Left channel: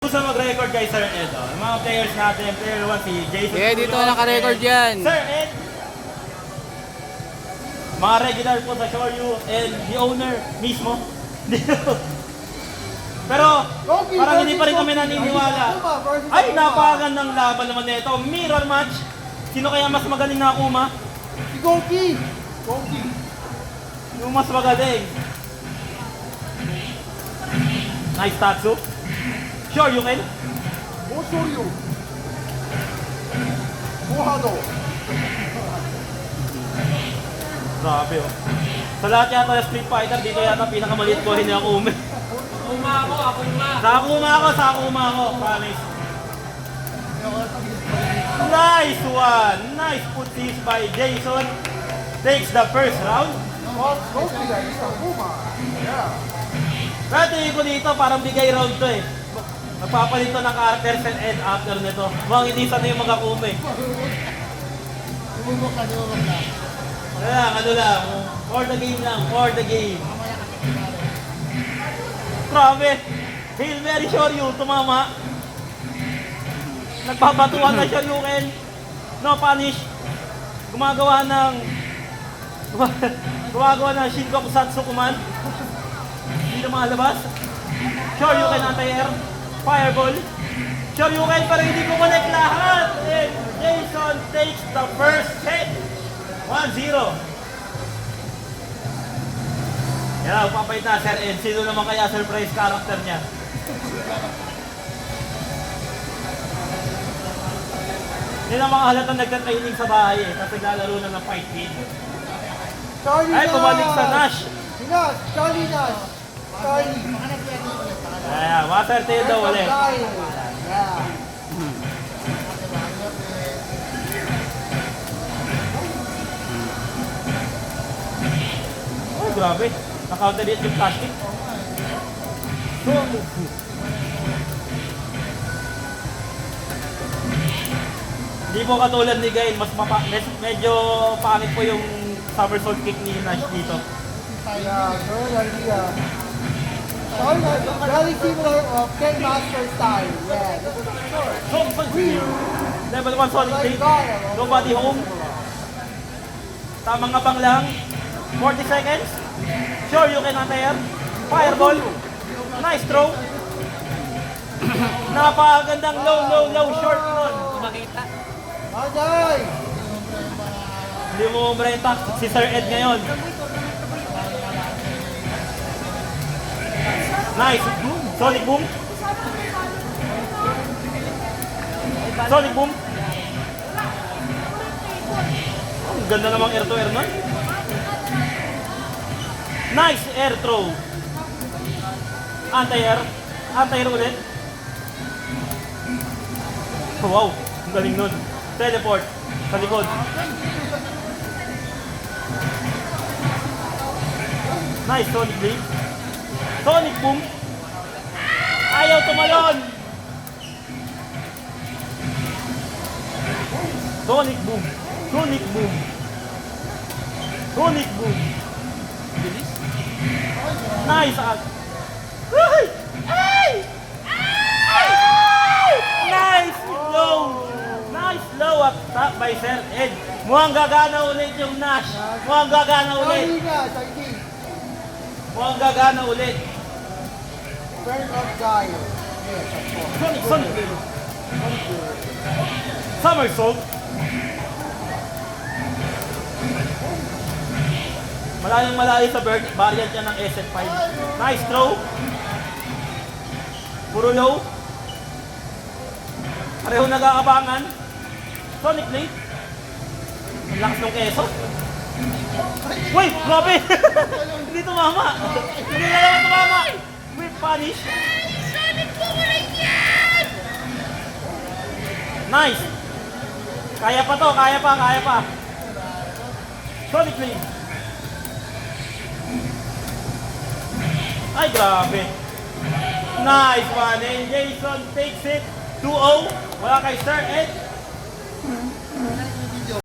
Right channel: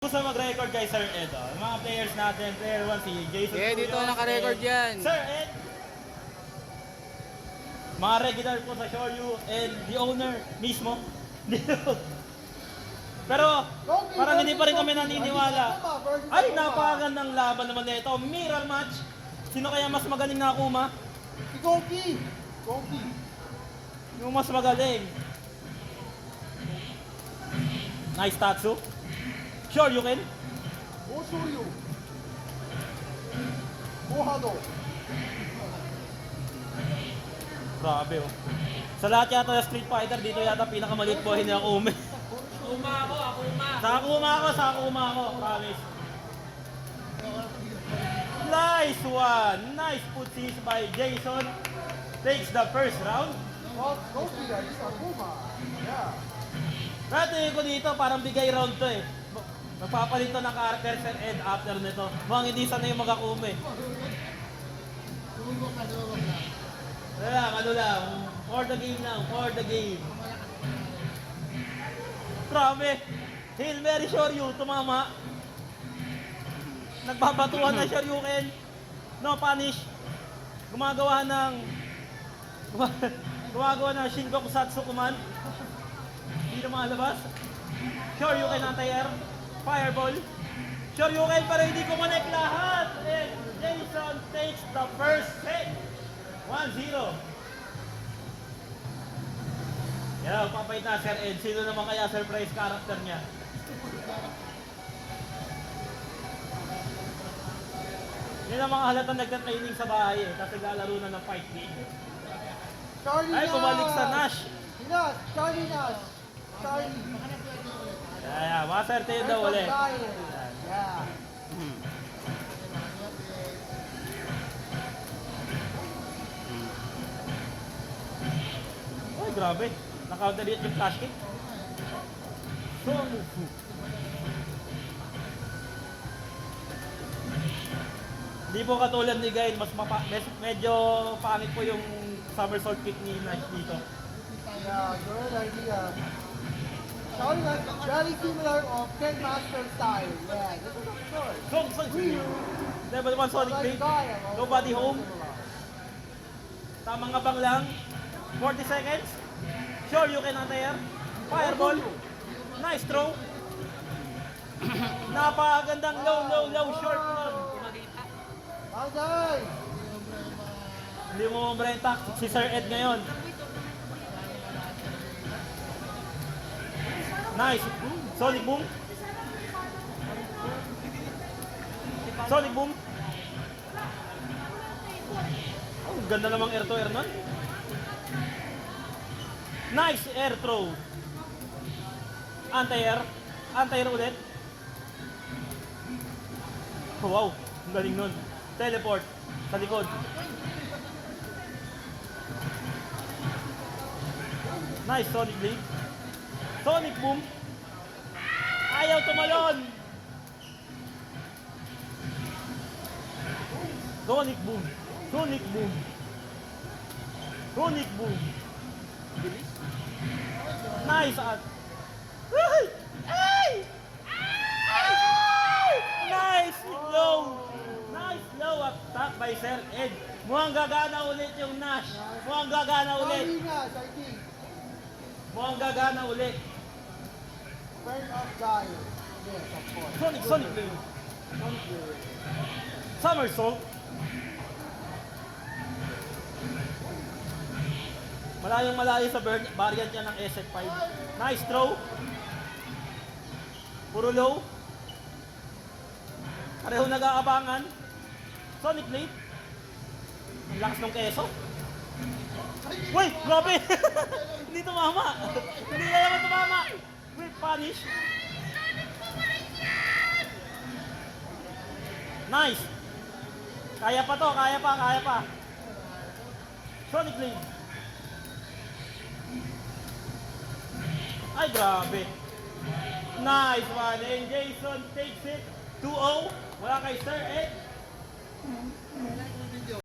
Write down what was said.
Gusto mag-record kay Sir Ed, oh. Yung mga players natin, player 1 si Jason. Yeah, dito naka-record yan. Sir Ed, mga regular po sa Shoryu and the owner mismo. Pero parang hindi pa rin kami naniniwala. Ay, napakagandang laban naman nito. Mirror match. Sino kaya mas magaling na Akuma? Si Goki! Goki! Yung mas magaling. Nice Tatsu. Sure, you can. I'll show you. Hado. Grabe, oh. Sa lahat yata ng Street Fighter, dito yata pinakamaliit ko hindi ako umi. Akuma ako, Akuma. Sa Akuma ako, promise. Nice one! Nice putis by Jason. Takes the first round. Goki guys, Akuma. Yeah. Pero tingin ko dito, parang bigay round to eh. Magpapalit to ng characters and end after nito. Mukhang hindi sana yung mag-Akuma eh. Tumulog lang. Kaya, ano lang, for the game lang, for the game. Grabe! Hail Mary Shoryu, tumama. Nagpapatuhan na Shoryuken. No punish. Gumagawa ng Shinkoku Satsukuman. Hindi na makalabas. Shoryuken anti-air. Fireball. Shoryuken pero hindi ko connect lahat. And Jason takes the first hit. 1-0. Yan, papayit na Sir Ed. Sino naman kaya surprise character niya? Yan ang mga halatang nagka-training sa bahay eh. Tapos naglalaro na ng fight game. Charlie Ay, Nash! bumalik sa Nash. Nash! Charlie Nash! Charlie! Ayan, water tail daw ulit. Yeah. Oh, grabe. Naka-delete yung plastic. Hindi po katulad ni Gail, medyo pangit po yung somersault kick ni Nash dito. Yeah, good idea. Charlie Nash, very similar of Ken Master style. Yeah, this is short. Level 1 solid kick. Nobody home. Tamang abang lang. 40 seconds. Sure, you can anti-air. Fireball. Nice throw. Napakagandang low short nun. Makita. Ajay! Hindi mo umbrenta si Sir Ed ngayon. Nice. Sonic boom. Sonic boom. Oh, ang ganda namang air to air nun. Nice air throw. Anti-air. Anti-air ulit. Oh, wow. Ang galing nun. Teleport. Sa likod. Nice Sonic blade. Sonic boom. Ayaw tumalon. Sonic boom. Sonic boom. Sonic boom. Bilis. Nice. Ay! Ay! Ay! Nice low. Nice low up top by Sir Ed. Mukhang gagana ulit yung Nash. Mukhang gagana ulit. Charlie Nash, I think. Mukhang gagana ulit. Turn up guy. Yes, of course. Sonic. Somersault. Malayo sa variant niya ng SF5. Nice throw. Puro low. Pareho nagkakabangan. Sonic blade. Ang lakas ng keso. Wait, grabe! Hindi tumama. Hindi na naman tumama. Wait, punish. Nice. Kaya pa to, kaya pa. Sonic blade. Ay, grabe. Nice one. And Jason takes it. 2-0. Wala kay Sir Ed.